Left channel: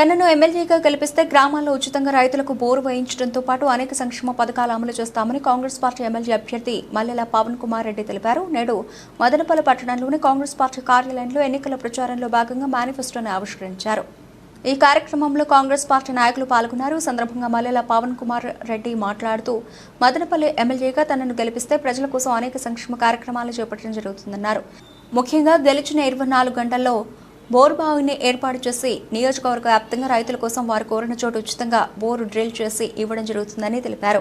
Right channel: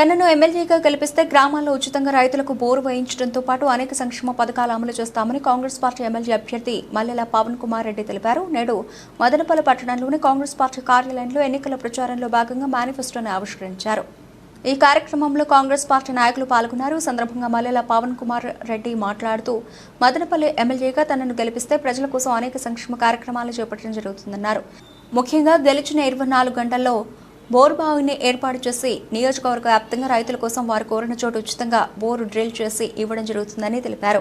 తనను ఎమ్మెల్యేగా గెలిపిస్తే గ్రామాల్లో ఉచితంగా రైతులకు బోరు వేయించడంతో పాటు అనేక సంక్షేమ పథకాలు అమలు చేస్తామని కాంగ్రెస్ పార్టీ ఎమ్మెల్యే అభ్యర్థి మల్లెల పవన్ కుమార్ రెడ్డి తెలిపారు. నేడు మదనపల్లి పట్టణంలోని కాంగ్రెస్ పార్టీ కార్యాలయంలో ఎన్నికల ప్రచారంలో భాగంగా మేనిఫెస్టోను ఆవిష్కరించారు. ఈ కార్యక్రమంలో కాంగ్రెస్ పార్టీ నాయకులు పాల్గొన్నారు. సందర్భంగా మల్లెల పవన్ కుమార్ రెడ్డి మాట్లాడుతూ మదనపల్లి ఎమ్మెల్యేగా తనను గెలిపిస్తే ప్రజల కోసం అనేక సంక్షేమ కార్యక్రమాలు చేపట్టడం జరుగుతుందన్నారు. ముఖ్యంగా గెలిచిన ఇరవై నాలుగు గంటల్లో బోరు బావిని ఏర్పాటు చేసి నియోజకవర్గ వ్యాప్తంగా రైతుల కోసం వారు కోరిన చోటు ఉచితంగా బోరు డ్రిల్ చేసి ఇవ్వడం జరుగుతుందని తెలిపారు.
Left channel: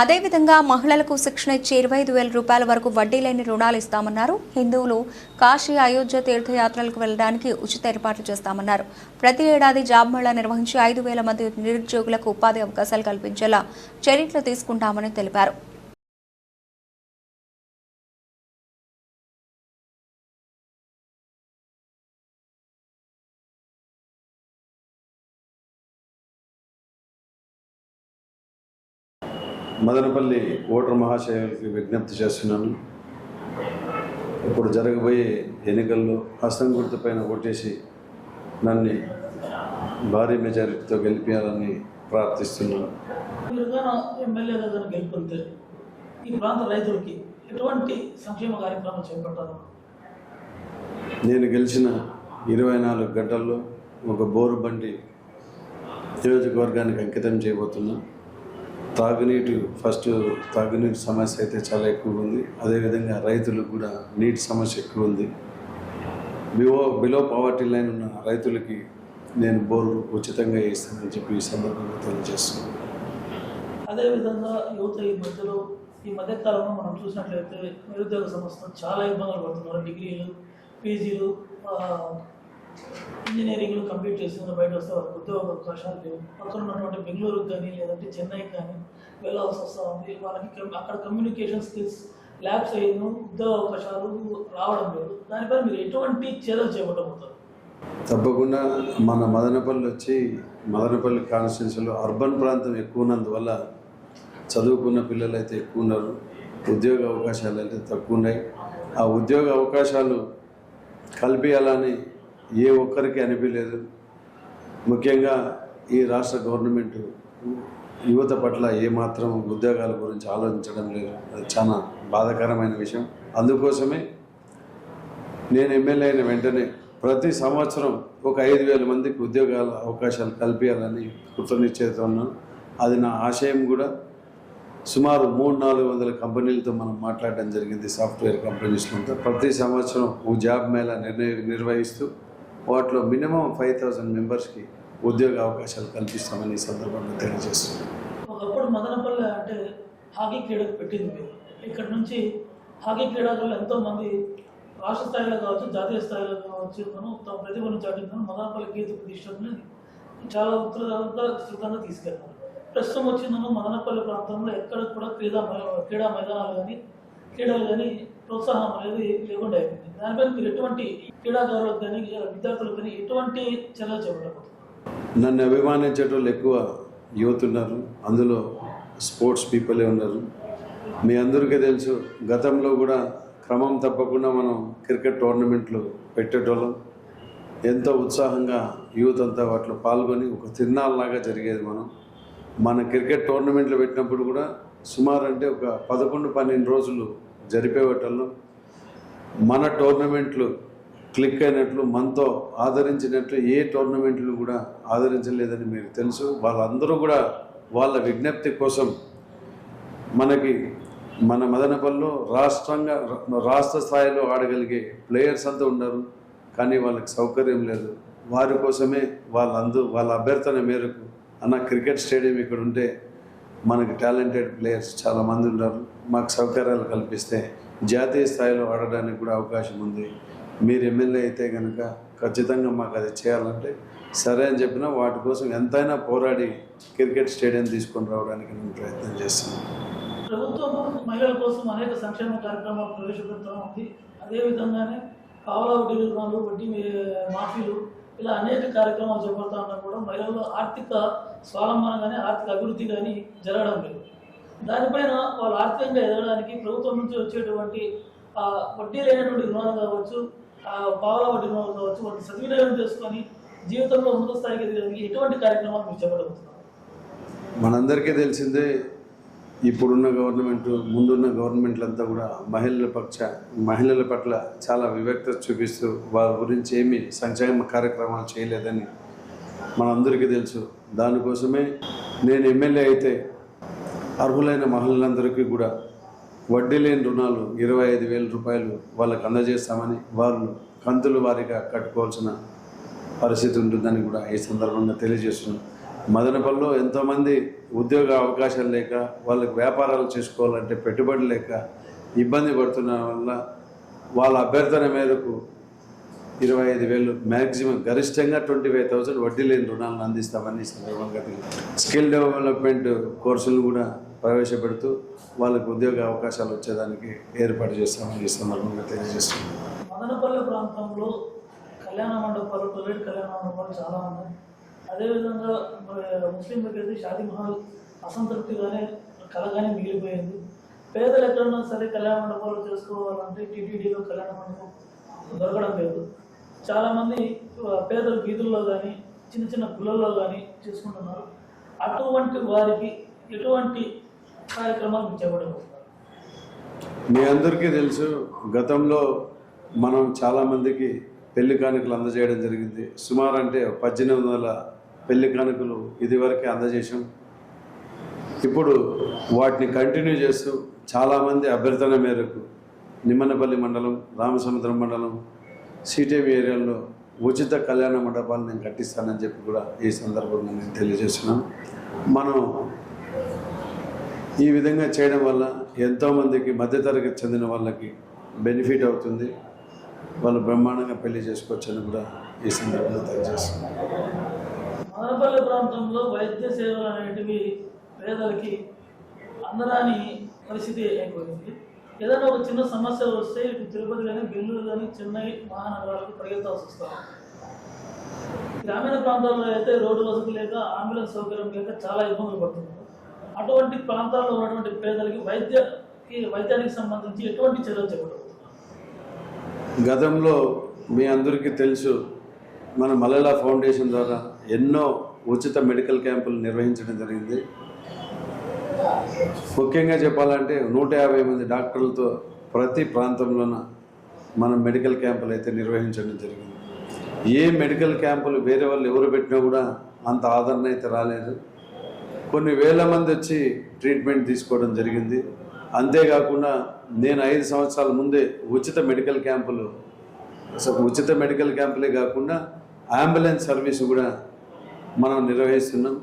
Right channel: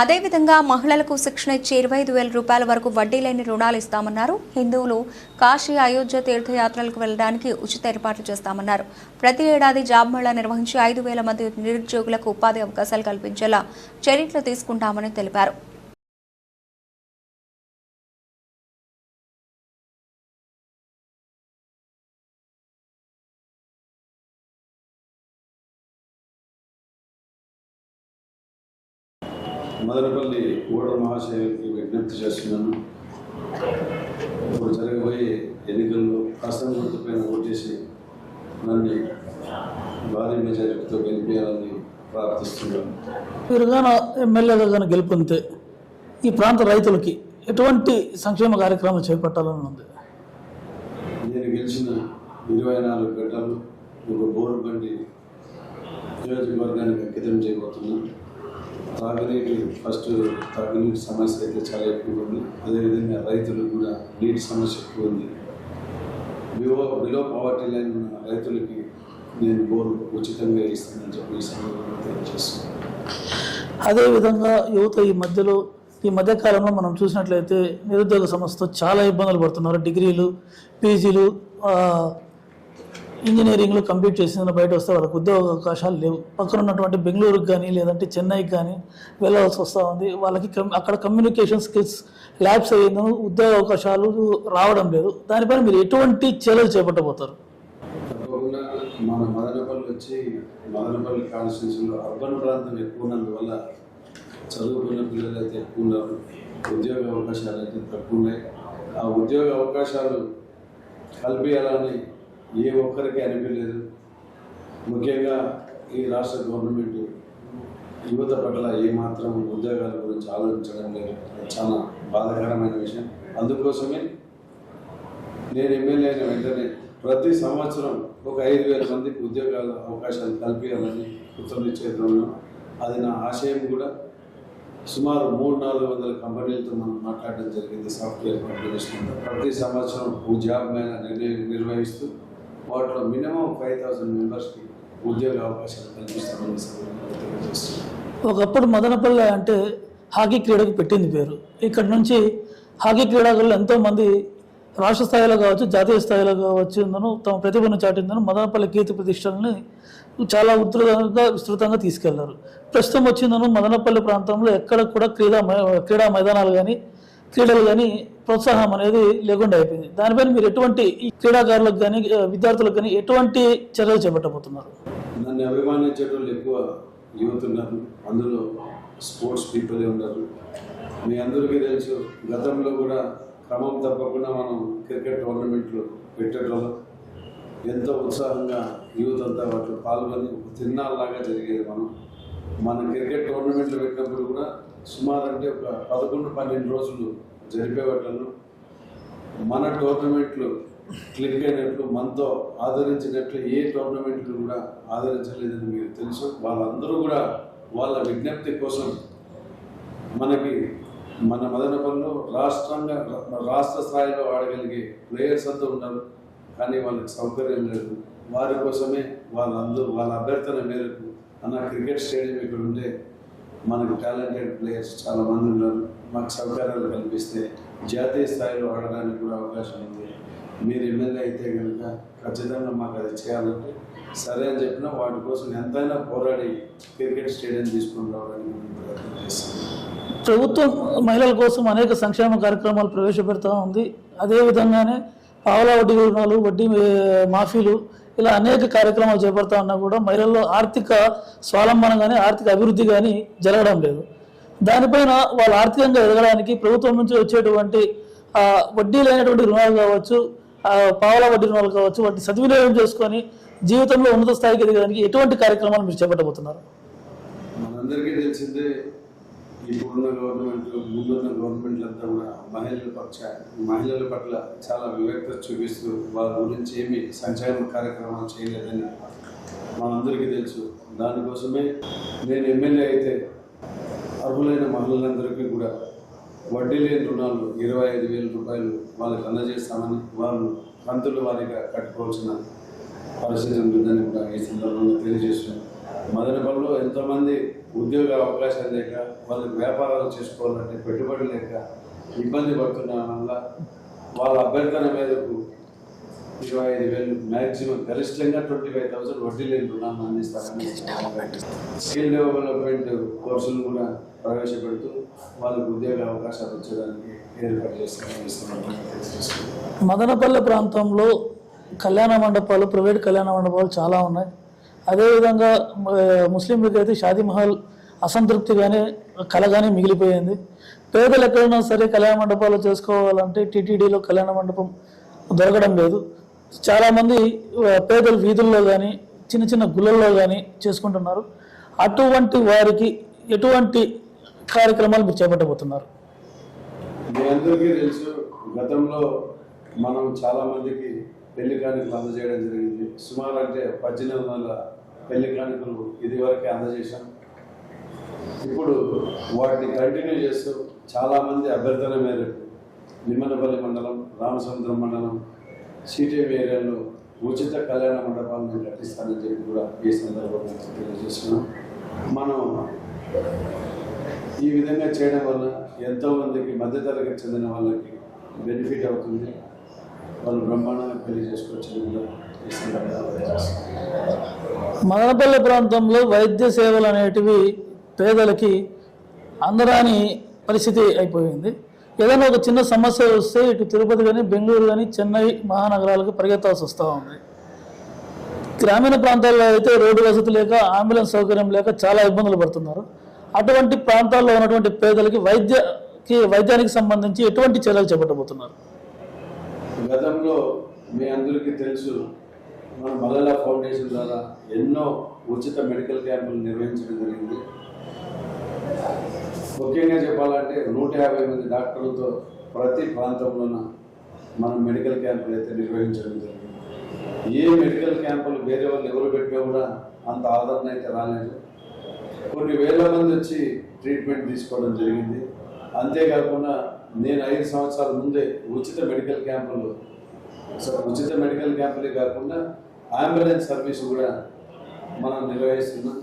అదేవిధంగా మహిళలకు శిక్షణ ఇచ్చి ఇరవై ఐదు వేల రూపాయల వరకు వడ్డీ లేని రుణాలు ఇస్తామన్నారు. హిందువులు కాశీ అయోధ్య తీర్థయాత్రలకు వెళ్ళడానికి ఉచిత ఏర్పాట్లు చేస్తామన్నారు. ప్రతి ఏడాది జాబ్ మేళా నిర్వహించి ఐదు వేల మంది నిరుద్యోగులకు ఉపాధి అవకాశాలు కల్పించేలా చర్యలు తీసుకుంటామని తెలిపారు. మదనపల్లి ఓటర్ మహాశయులకి విజ్ఞప్తి చేస్తున్నాను. ఇప్పుడు జరగబోయే ఎన్నికల్లో హస్తం గుర్తు పైన ఓటేసి నన్ను భారీ మెజారిటీతో గెలిపించాలని ప్రార్థిస్తున్నాను. మీరు కానీ ఎమ్మెల్యేగా కానీ గెలుపొందితే ఈ ప్రాంత రైతులకి ఎటువంటి సంక్షేమ కార్యక్రమాలు చేపట్టాలని ఉంది? నేను గెలిచిన ఇరవై నాలుగు గంటల్లో ఒక బోరు బండి నియోజకవర్గానికి అంకితం చేయబోతున్నా. తాగునీటి ఫస్ట్ తాగునీటి సమస్య అయితే చాలా ఎక్కువ ఉంది. అదేవిధంగా రైతులకు కూడా నీటి సమస్య ఎక్కువ ఉంది. బిలో బిలో పవర్టీ లైన్ ఉన్న రైతులకి నేను బోరు ఉచితంగా ఇస్తానని చెప్పి ఈ సందర్భంగా తెలియజేస్తున్నాను. అదేవిధంగా యువత ఈ మధ్యలో ఈ మధ్య కాలంలో మనం చూసినట్లయితే నిరుద్యోగ సమస్యతో చాలా ఇబ్బందులు పడుతున్నారు. డిగ్రీలు పీజీలు ఇంజనీరింగ్లు కంప్లీట్ చేసిన బయట వస్తే వాళ్ళకి ఉద్యోగ అవకాశాలు లేవు. పక్కన ఉన్నటువంటి బెంగళూరుకి కానీ లేదంటే చెన్నైకి కానీ వెళ్ళవలసి వస్తూ ఉంది. వాళ్ళకి అక్కడ కమ్యూనికేషన్ స్కిల్స్ ల్యాబ్స్ అయ్యిందో ఉద్యోగ అవకాశాలు రావడం లేదు. దానిపైన మీరు ఎటువంటి చర్యలు చేపట్టబోతారు? తప్పకుండా మన మదనపల్లి వచ్చి మదనపల్లి కాన్స్టిట్యూన్సీలో అర్బన్ ప్రాంతం ఎక్కువ ఉన్నందువల్ల చదువుకున్న పిల్లలు అయితే ఎక్కువ ఉన్నారు. ఉద్యోగ అవకాశాలు అయితే తక్కువ ఉన్నాయి. ఆ ఉద్యోగ అవకాశాలు కల్పించాలని ఏ ఒక్కరికి అనిపించలేదు. ముఖ్యంగా ఈ రాష్ట్ర గవర్నమెంట్ యువత పట్ల ఏమాత్రం ఉద్యోగాల గురించి ఆలోచించడం లేదు. చాలా బాధాకరమైన విషయం. అందుకోసమే నేను ఎమ్మెల్యే అయిన వెంటనే ప్రతి సంవత్సరం ఒక ఐదు వేల మందికి ఉద్యోగాల అవకాశాలు కల్పించాలని కృతనిశ్చయితున్నాను అది నా ఆశయం కూడా. సుమారు మూడు నాలుగు వందల కంపెనీలతో మనం మాట్లాడడం జరిగింది సాఫ్ట్వేర్ కంపెనీస్లో ప్రతి సంవత్సరం ఓ జాబ్ మేళ నిర్ణయ నిర్వహిస్తూ వాటిలో మినిమం ఫైవ్ థౌసండ్ మెంబర్స్కి ఉద్యోగ అవకాశాలు కల్పిస్తామని ఈ సందర్భంగా తెలియజేస్తున్నాం ఒకప్పుడు మదనపల్లె అంటే హాకీ క్రీడకు పెట్టింది పేరు. ఇక్కడ నుంచి హాకీ క్రీడాకారులు ఎంతోమంది రాష్ట్ర స్థాయిలో కావచ్చు జాతీయ స్థాయిలో కావచ్చు తమ ప్రతిభను చాటిందను మదనపల్లి కీర్తి ప్రతిష్టలని చాలా ఉధృతంగా విస్తృతంగా తీసుకెళ్ళారు. ప్రస్తుతం వచ్చిందను మదనపల్లి ప్రాంతంలో ఎక్కడ కూడా క్రీడా మై- క్రీడా మైదానాలు కానీ క్రీడలు కానీ ప్రోత్సాహం అనేది లేకుండా అయిపోయింది. దానిపైన మీరు ఎటువంటి ఈ క్రీడాకారులకు కానీ విద్యార్థులకు కానీ ఎటువంటి చర్యలు చేపట్టబోతున్నారు? నన్ను అభిమానించేటోళ్ళు ఎక్కువ యూత్ ఉన్నారు. అందులో స్పోర్ట్స్ పీపులే ఉన్నారు. మీ అందరికీ తెలుసు గతంలో కూడా క్రమం తప్పకుండా మనం క్రికెట్ టోర్నమెంట్లు పెట్టేటోళ్ళం. ఎంతో ఉత్సాహంగా యూత్ అంతా వాటిలో పాల్గొని ఒక తిన్నాళ్ళలాగా జరిగేది మనం. మన క్రికెట్ టోర్నమెంట్లు పెట్టినప్పుడు కూడా సుమారు అంటే ఒక పదకొండు పన్నెండు రోజులు జరిపేవాటల్లో మన టోర్నమెంట్లు క్లిక్ అయినట్లు మనతో ఆదరించినట్లు ఏ టోర్నమెంట్లు కూడా ఆదరించలేదని మీకు తెలుసు. వాళ్ళందరూ కూడా వాళ్ళ విజ్ఞప్తి కోసం మనకి మన మదనపల్లిలో రాష్ట్రంగా రాష్ట్ర స్థాయిలో ఆడగలిగే ప్లేయర్స్ అంతా ఉన్నారు. కానీ వాళ్ళకి సౌకర్యం లేదు. వారి కోసమే వాళ్ళందరూ వాళ్ళ అభ్యర్థన మేరకు అన్న క్రికెట్ స్టేడియం ఇక్కడ ఉంటే మనకి టాలెంటెడ్ ప్లేయర్స్ చాలామంది ఉన్నారు మాకు సౌకర్యాలు కల్పిస్తే జాతీయ స్థాయిలో ఆడడానికి కూడా అవకాశం ఉంది. మీరు ఎమ్మెల్యే అయితే కనుక ఖచ్చితంగా మాకు అది చేయాలంటే సరే అని చెప్పినా వాటి కోసం ఎంతైనా పోరాడి క్రికెట్ స్టేడియం తీసుకొని రావడానికి మేము ప్రయత్నం చేస్తున్నాం ప్రభుత్వం మహిళల కోసం అనేక సంక్షేమ కార్యక్రమాలు ప్రవేశపెడతా ఉంది. అదేవిధంగానే పావలా వడ్డీ రుణాలు వడ్డీ మాఫీలు ఇలా అనేక కార్యక్రమాలు చేపడతా ఉన్నా కూడా మహిళల్లో ఆర్థిక స్వావలంబన కానీ ఆర్థిక అభివృద్ధి కానీ జరగడం లేదు. దానిపైన వాళ్ళు ఆర్థికంగా ఎదగడానికి ప్రభుత్వం నుంచి వచ్చేటువంటి వడ్డీ లేనటువంటి రుణాలు కావచ్చు పావుల పావలా వడ్డీ రుణాలు కావచ్చు వాటిని సద్వినియోగం చేసుకొని జీవితంలో ఉన్నత స్థాయికి ఎదగడానికి ఎటువంటి కార్యక్రమాలు మీరు చేపట్టబోతున్నారు? మనందరికీ తెలిసిందే ఇప్పుడున్న గవర్నమెంట్ ముందున్న గవర్నమెంట్లంతా కూడా మహిళల పక్ష మహిళల పట్ల చాలా వివక్త చూపిస్తూ వారి గురించి ఏమి సంక్షేమ కార్యక్రమాలు చేయలేదని మనందరికీ తెలుసు. దానికోసమే నేను ఎమ్మెల్యే అయితే అర్హులైన మహిళలందరికీ కూడా వడ్డీ లేని రుణాలు ఇరవై ఐదు వేల రూపాయలు వాళ్ళకు అందజేస్తామని వాళ్ళు కంతులు వారీగా కట్టుకోవాల్సిన పరిస్థితి ఉంటుందని కూడా ఈ సందర్భంగా తెలియజేస్తున్నాను. మదనపల్లిలో ఎంతోమంది ఉద్యోగ అవకాశాలు లేక వాళ్ళకి వ్యాపారాలు చేసుకోవాలంటే పెట్టుబడి లేక ఇబ్బంది పడుతున్న వల్ల వాళ్ళ అభ్యర్థన మేరకు ఇరవై ఐదు వేలు మ్యాక్సిమం గరిష్టంగా ట్వంటీ ఫైవ్ థౌసండ్ వడ్డీ లేని రుణాలను అందిస్తామని స్కిల్ డెవలప్మెంట్ కోర్సులు కూడా ప్రవేశపెడుతూ వాళ్ళకు ఉద్యోగ అవకాశాలు వచ్చేదానికి ఏర్పాటు చేస్తామని సందర్భంగా మదనపల్లె ప్రాంతంలో కళ్యాణ మండపాలు ప్రైవేట్ కళ్యాణ మండపాలు చాలా ఉన్నాయి. అదేవిధంగా మ- ముస్లింలకు అయితే షాదీమహల్ అసంతృప్తిగానే కలగానే మిగిలిపోయింది. పేదలు ఎక్కడైనా సరే కళ్యాణ మండపాలు చేసుకోవాలంటే టీటీడీలో కళ్యాణ మండపం దొరకడం లేదు. చాలామంది పేదలు వీధుల్లో కానీ చిన్న చిన్న గుళ్ళల్లో కానీ చేసుకుంటున్నారు. అటువంటి వారికి ఎటువంటి కార్యక్రమాలు మీరు చేపట్టబోతున్నారు? మీ అందరికీ తెలుసు గతంలో మనం చాలామందికి పెళ్ళి కానుకలు అందజేయడం జరిగింది. సుమారు అంటే పద్దెనిమిది వందల పెళ్ళి కానుకలు ఇదివరకే అందజేశాం. ఇప్పుడు వాటిని కంటిన్యూ చేస్తూ చాలామంది అభ్యర్థన మేరకు నిమ్మనపల్లి మండలం రామసముద్రం మండలం సిటీవీ ఏరియాలో ఉచిత కళ్యాణ మండపాలు నేను కట్టిస్తానని చెప్పి కూడా ఈ సందర్భంగా నేను తెలియజేస్తున్నాను. మనం ఈ విధంగా చేయడం వల్ల ఎంతోమందికి మధ్యతరగతి చెందిన వాళ్ళకి బెనిఫిట్ అవుతుంది. వాళ్ళు బ్రహ్మాండంగా పెళ్ళి చేసుకోవచ్చని కూడా ఈ సందర్భంగా తెలియజేస్తున్నారు. మదనపల్లి ప్రాంతంలో వైద్య సేవలు అనేటివి పేదలకి అందరాని పరిస్థితి అయిపోయింది. ఏదైనా ఒక చిన్న సమస్య వస్తే ఇటు తిరుపతి కానీ బెంగళూరు కానీ చెన్నై మహానగరాలకు పరిగెత్తాల్సి వస్తూ ఉంది. గ్రామీణ ప్రాంతాల్లో అయితే రోడ్డు వసతి లేక అంబులెన్స్ సౌకర్యం లేక చాలా ఇబ్బందులు పడుతున్నారు. అటువంటి ప్రాంతాల్లో ఉన్నటువంటి పేదలకి వైద్యకి వైద్యానికి సంబంధించి ఎటువంటి చర్యలు చేపట్టబోతున్నారు? గతంలో మీ అందరికీ తెలుసు మన మలలా ఫౌండేషన్ ద్వారా ఎన్నో ఉచిత మెడికల్ క్యాంపులు నిర్వహించడం జరిగింది. ముఖ్యంగా చెప్పాలంటే నూట యాభై మంది డాక్టర్లతో ప్రతి ప్రాంతంలోన మనం మెడికల్ క్యాంపులు అయితే నిర్వహించడం జరిగింది. ఏ మెడికల్ క్యాంపులు వేరే వాళ్ళు ఎవరు పెట్టినా కూడా అంత ఆదరణ అయితే రాలేదు. కొన్ని వేల మంది వచ్చి ట్రీట్మెంట్ తీసుకోవడం జరిగింది. అంతేకాకుండా నేను ఐదు సంవత్సరాల ముందే ఉచిత మెడికల్ క్యాంపులు సో ఉచిత మెడికల్ క్యాంపులే కాకుండా అంబులెన్స్ సర్వీస్ కూడా మనం నిర్వహిస్తున్నాం.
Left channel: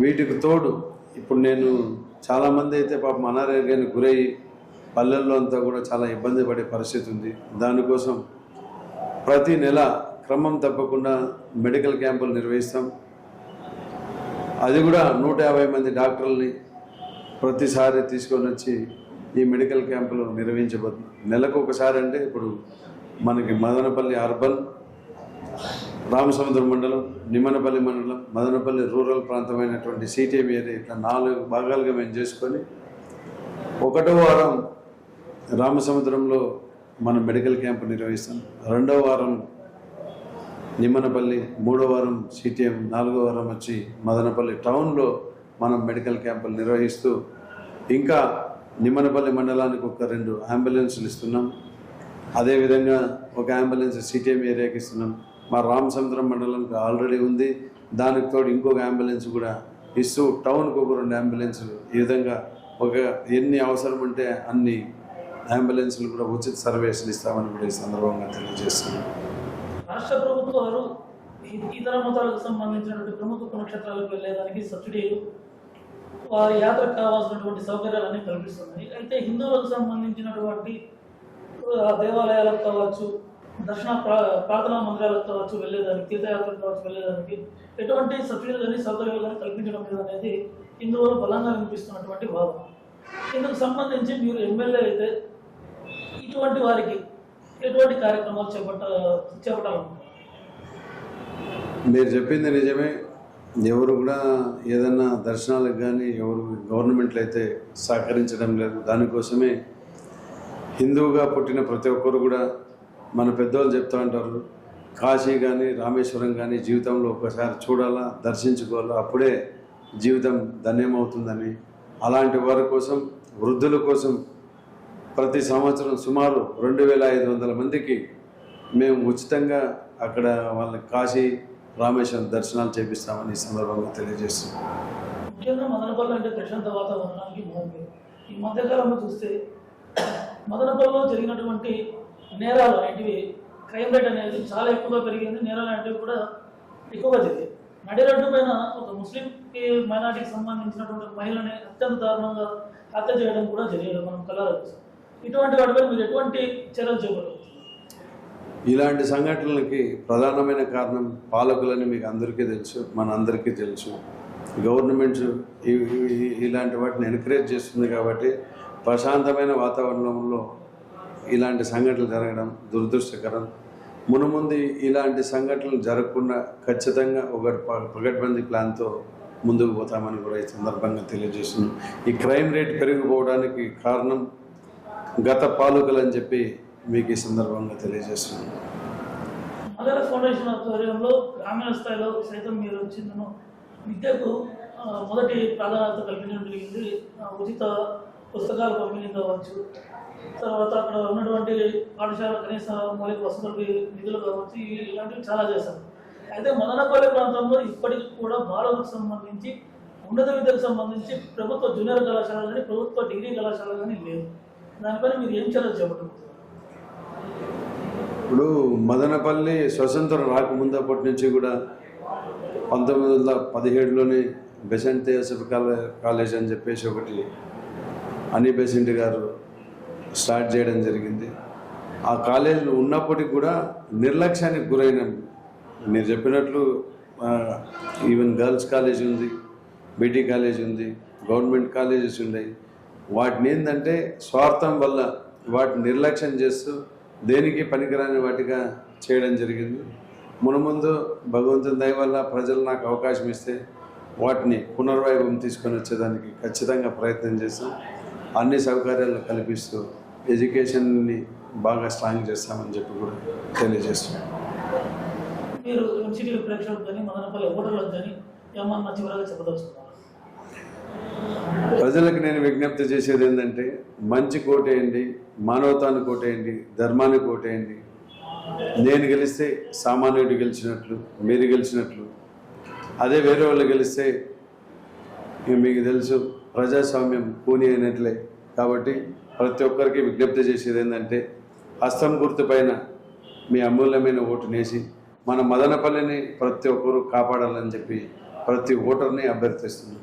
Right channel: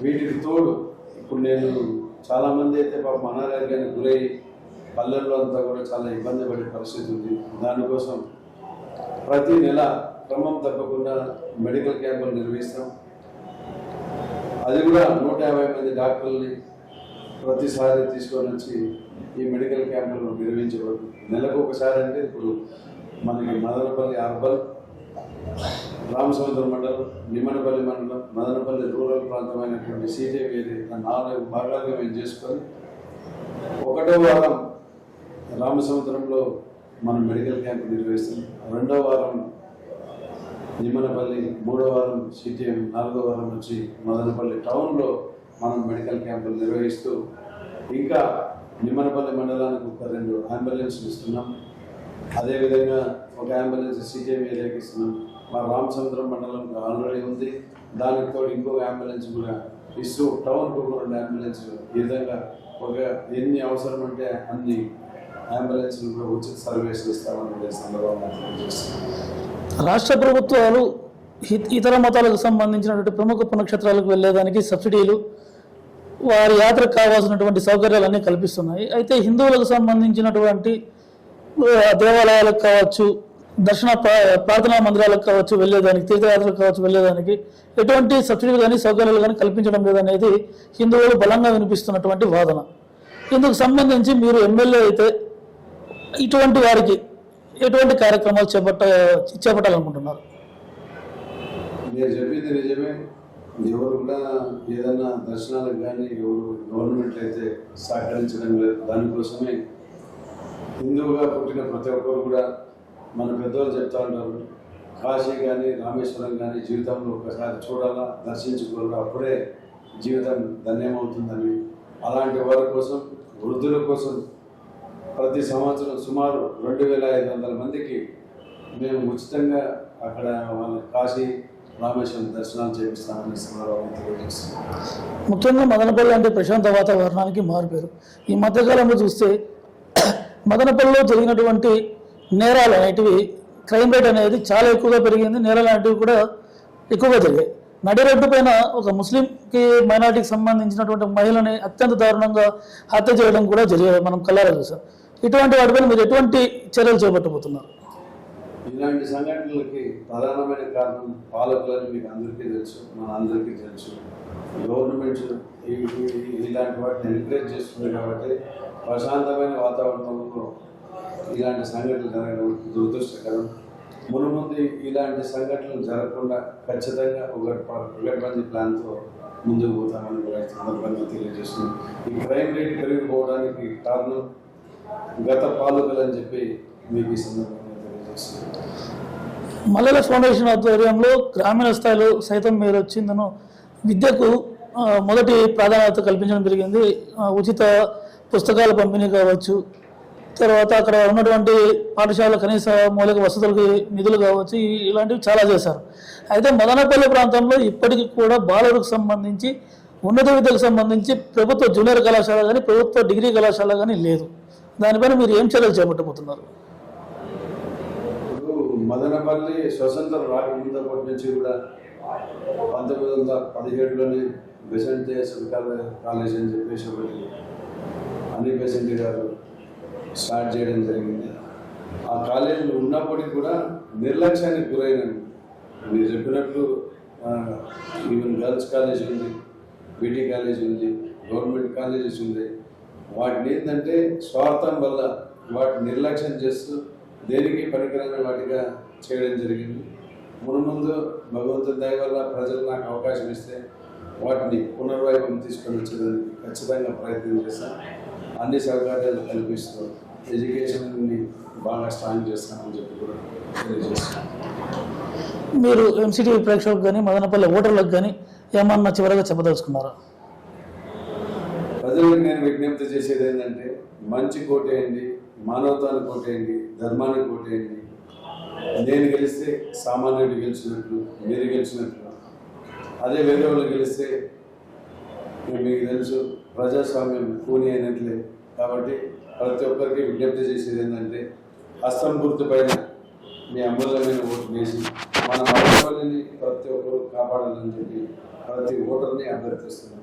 వీటికి తోడు ఇప్పుడు నేను చాలామంది అయితే పాపం అనారోగ్యానికి గురై పల్లెల్లో అంతా కూడా చాలా ఇబ్బంది పడే పరిస్థితి ఉంది. దానికోసం ప్రతి నెల క్రమం తప్పకుండా మెడికల్ క్యాంపులు నిర్వహిస్తాం. అది కూడా నూట యాభై మంది డాక్టర్లని ప్రతిసారి తీసుకొని వచ్చి ఈ మెడికల్ క్యాంపులు నిర్వహించబోతుంది నెలకు ఒకసారి అంటే ఇప్పుడు మనకి మదనపల్లి అర్బన్ రామసముద్రం మండలం నిమ్మనపల్లి మండలం మదనపల్లి రూరల్ ప్రాంతమైనటువంటి సిటీఎం ఏరియా ఇట్లా నాలుగు భాగాలుగా మేము చేసుకొని ఒకటో వారం రామసముద్రంలో మనం మెడికల్ క్యాంపు నిర్వహిస్తాం. రెండో వారం నిమ్మనపల్లి మూడో వారం సిటిఎం నాలుగో వారం వచ్చి మదనపల్లి టౌన్లో మనం మెడికల్ క్యాంపులు నిర్వహిస్తూ ఇంకా నిమ్మనపల్లి మండలానికి ఒక రెండు అంబులెన్సులు ఇస్తున్నాం. అదేవిధంగా ఒక అంబులెన్స్ సిటీఎం ఏరియాకి ఇస్తున్నాం. మా రామసముద్రం మండలానికి ఆల్రెడీ ఉంది. దానికి తోడు ఇంకొక అంబులెన్స్ కూడా ఇస్తూ టౌన్కి ఒక రెండు అంబులెన్సులు. ఈ విధంగా ఒక ఎన్ని అవసరం అంటే అన్ని అంబులెన్సులు కూడా ఉచిత సర్వీసులు ఇస్తామని కూడా ఈ సందర్భంగా తెలియజేస్తున్నాం. రాష్ట్ర ప్రభుత్వాలు ఇతర మతాలకు సంబంధించినటువంటి ప్రముఖ పునక్షేత్రాలకు వెళ్ళేదానికి సబ్సిడీలు వారి యాత్రకు కావాల్సినటువంటి సౌకర్యాలన్నీ కల్పిస్తున్నాయి. అయితే హిందువులకు సంబంధించినటువంటి దేవాలయాలకు కావచ్చు దర్శన ప్రార్థనా మందిరాలకు కావచ్చు వెళ్ళేదానికి తీర్థయాత్రలకు కావచ్చు వెళ్ళేదానికి ఎటువంటి సబ్సిడీలు కానీ సౌకర్యాలు కానీ కల్పించడం లేదనేది హిందువులు బలంగా వినిపిస్తున్నటువంటి వాదన. ఇందుకు సంబంధించి మీరు ఎమ్మెల్యే అయితే ఇటువంటి వారికి ఎటువంటి కార్యక్రమాలు చేపట్ట చేపట్టాలనుకుంటున్నారు? మీరు చెప్పింది నిజమే. ఎవరు కూడా ఏదైనా దర్శనాలకు కానీ ఎవరు గవర్నమెంట్లు అయితే సహకరించడం లేదు. దానికోసమే హిందువుగా పుట్టిన ప్రతి ఒక్కరు కూడా మన పెద్దవాళ్ళు చెప్తా ఉంటారు కాశీ కానీ రామేశ్వరం కానీ జీవితంలో ఒకసారి చూడాలా దర్శించుకోవాలా అప్పుడే జీవితం ధన్యమవుతుందని. అలాంటి వారి కోసం వృద్ధుల కోసం ప్రతి సంవత్సరం సుమారు రెండు వేల ఐదు వందల మందికి మేము ఉచితంగా అక్కడ వాళ్ళకి కాశీ రామేశ్వరం దర్శనాలు చేపిస్తామని సందర్భంగా తెలియజేస్తున్నారు ముఖ్యంగా మదనపల్లి అంటే ప్రశాంత వాతావరణానికి మారిపోయారు ఈ మధ్యకాలంలో చూస్తే మదనపల్లిలో జరిగినటువంటి నేరాలు అనేటివి క్రైమ్ రేట్ అనేది చాలా ఎక్కువగా పెరిగింది. నేరాలు అనేటివి కూడా ఎక్కువగా జరిగాయి. నడిరెడ్డు పైన ఒక ముస్లింకి మైనార్టీకి సంబంధించినటువంటి మహిళని అత్యంత దారుణంగా హత్య చేయడం కూడా జరిగేది మనం కళ్ళారా చూసాం. ఇటువంటి వాటిపైన మీరు ఎటువంటి చర్యలు చేపట్టబోతున్నారు? ఇలాంటి సంఘటనలకి ప్రధానమైన కారణం పాలకులని మీకు అందరికీ తెలుసు మన అందరికీ తెలుసు. గవర్నమెంట్ ఇలాంటి వాటిని ఎంకరేజ్ చేస్తుంది కాబట్టి ప్రశాంతమైన వాతావరణంలో ఇలాంటి సంఘటనలు జరగడం దురదృష్టకరం. మునుముందు ఇలాంటి సంఘటనలు జరగకుండా ఖచ్చితంగా ఒక పగడ్బందీ ప్లాన్తో ముందుకు పోతామని కూడా ఈ సందర్భంగా తెలియజేస్తున్నాం. ఈ క్రైమ్ రేట్ పెరిగిపోవడానికి కారణం గత పాలకులు అని చెప్పి మీకు ఈ సందర్భంగా తెలియజేస్తున్నాను. మల్లెల ఫౌండేషన్ ఆధ్వర్యంలో గ్రామీణ స్థాయిలో సైతం మీరు వచ్చిందను విద్యకు మొదటి ప్రాధాన్యత కల్పించడం జరిగింది. ఉచిత పుస్తకాల పంపిణీ కావచ్చు. తర్వాత అక్కడ ఉన్నటువంటి పాఠశాల కనీస మౌలిక వసతులకి నిధులు కావచ్చు ఇలాంటివి చాలా చేశారు. అయితే మదనపల్లి ప్రాంతంలో ఇప్పటికీ కూడా బాలలకు సంబంధించి ఉన్నత విద్యకు సంబంధించి ప్రభుత్వ జూనియర్ కళాశాల కానీ ప్రభుత్వ డిగ్రీ కళాశాల కానీ లేదు. దానిపైన మీరు ఏం చర్యలు చేపట్టబోతున్నారు? ఇప్పుడు మదనపల్లి స్వతంత్రం రాకముందు అప్పటి నుంచి కూడా పంతొమ్మిది వందల పదిహేడులోనే బెసెంట్ థియోసఫ్ కాలే- కాలేజ్ అని చెప్పేసి ఒకటి అని బెసెంట్ గారు స్టార్ట్ చేయడం జరిగింది. ఆ కాలేజీలో ఉన్నప్పటికీ కూడా నిర్లక్ష్యానికి గురైన. మీరు చెప్పినట్లు ఈవెన్ గర్ల్స్ కాలేజ్ ఉంది బీటీ కాలేజ్ ఉంది గవర్నమెంట్ కాలేజెస్ ఉన్నాయి. వాటిని ఏంటంటే స్వార్థం వల్ల వాటిని నిర్లక్ష్యం చేస్తూ దేనికి పనికిరాని వాటిగా చేయడం జరిగింది. మునుముందు భగవంతుని దయ వల్ల ప్రజలు నాకు అవకాశం ఇస్తే వాటిని పునర్వైభవం తీసుకొని వచ్చేదానికి ఖచ్చితంగా ప్రయత్నం చేస్తాం. అన్ని సౌకర్యాలు కల్పిస్తూ ఎడ్యుకేషన్ని బాగా స్ట్రాంగ్ చేస్తామని చెప్పి కూడా తెలియజేస్తున్నాం. మీరు ఎంసీటీ ప్రేక్షకులకు కానీ మదనపల్లి ఓటర్లకు కానీ ఏమన్నా చివరగా చెప్పదలుచుకున్నారా? ప్రజలకు నేను విజ్ఞప్తి చేసేది ఏంటంటే మంచి కోటేయండి మానవతాన్ని కోటేయండి ధర్మాన్ని కోటేయండి. నేను గెలిస్తే సామాన్యుడు గెలిచినట్లు మీరు గెలిచినట్లు. అదే వేరే వాళ్ళు గెలిస్తే మీకు తెలుసు ప్రజాస్వామ్యం కూని అయినట్లే. కాబట్టి ప్రతి ఒక్కరికి విజ్ఞప్తి చేసేది ఏంటంటే హస్తం గుర్తు పైన మీ అమూల్యమైన ఓటునేసి మన మదనపల్లిని ప్రతి ఒక్కరూ కాపాడాలని చెప్పి ప్రతి ఓటర్ని అభ్యర్థిస్తున్నాం.